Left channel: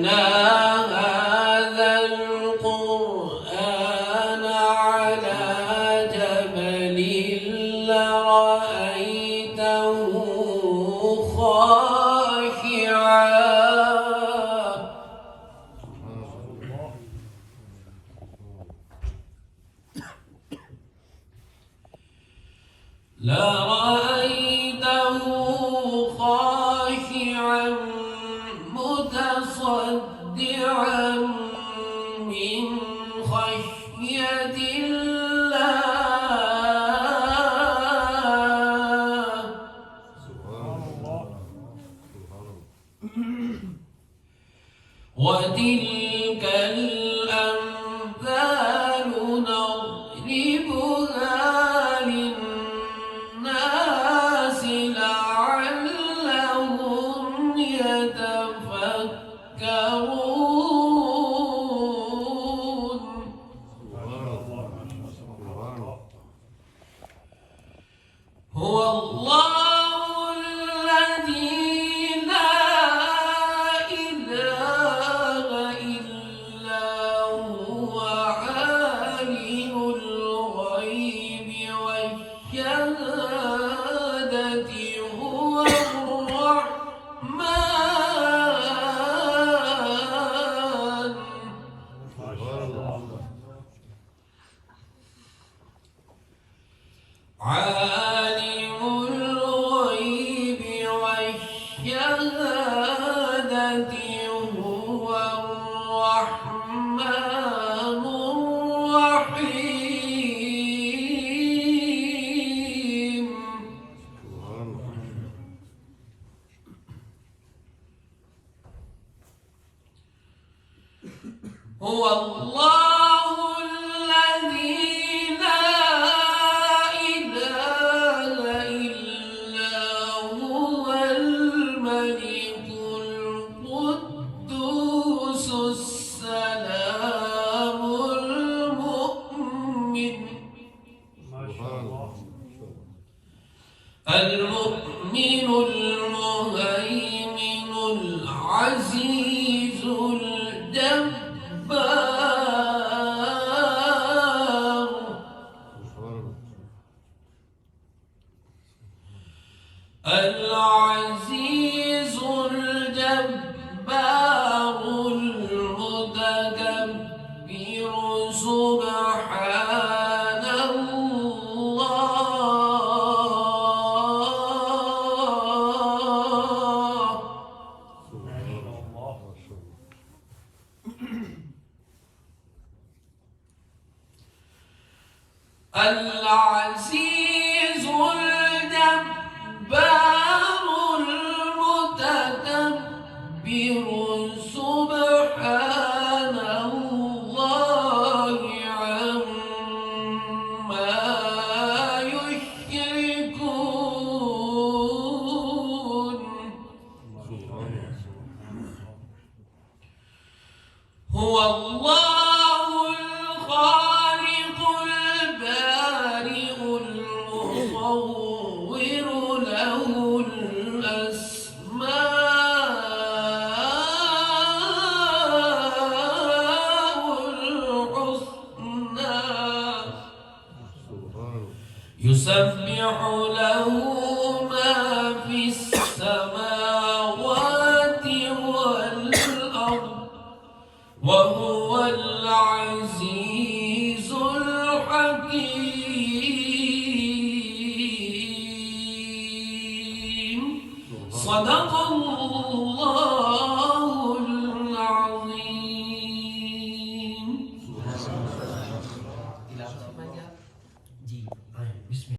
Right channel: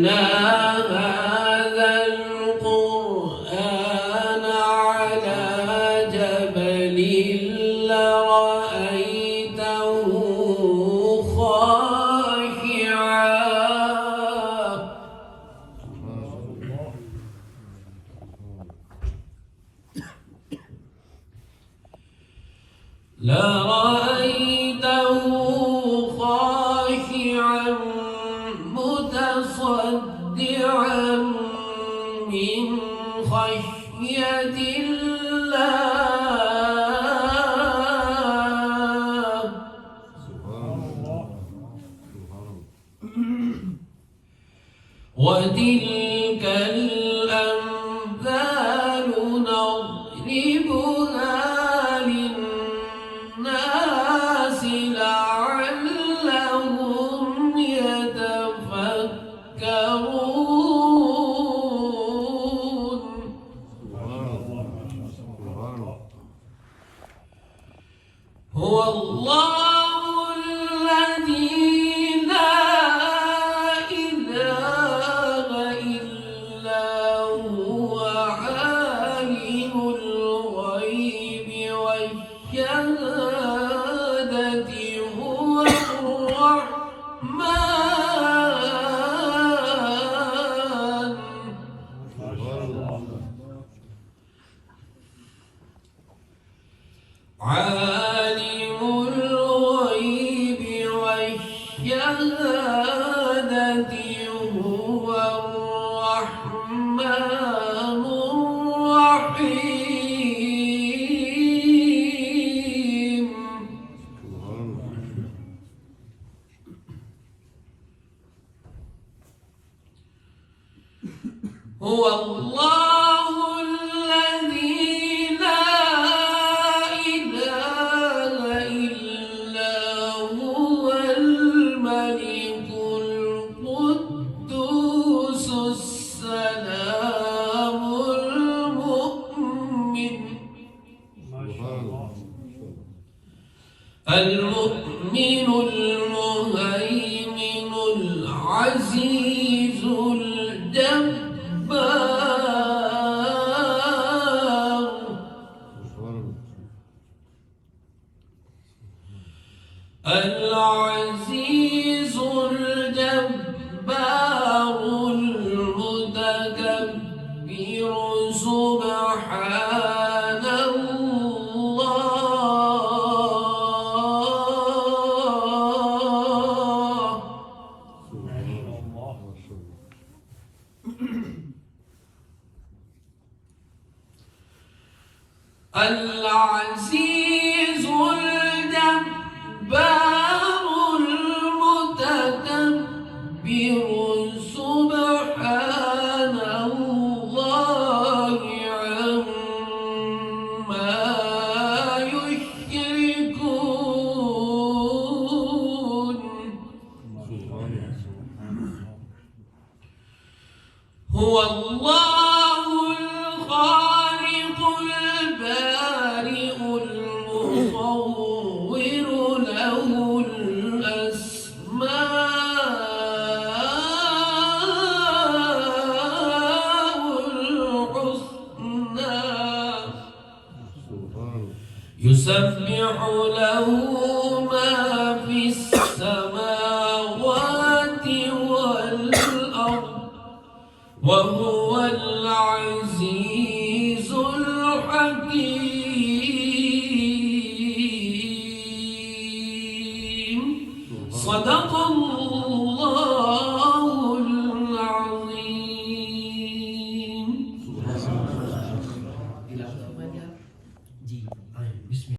أنزلنا هذا القرآن على جبل لرأيته خاشعا متصدعا من خشية الله. وتلك الأمثال نضربها للناس لعلهم يتفكرون. هو الله الذي لا إله إلا هو عالم الغيب والشهادة هو الرحمن. عالم الغيب والشهادة هو الرحمن الرحيم. هو الله الذي لا إله إلا هو الملك القدوس السلام المؤمن المهيمن العزيز الجبار. العزيز الجبار المتكبر سبحان الله. العزيز الجبار المتكبر سبحان الله عما يشركون. هو الله الخالق البارئ المصور له الأسماء الحسنى يسبح له ما في السماوات والأرض وهو العزيز الحكيم. صدق الله.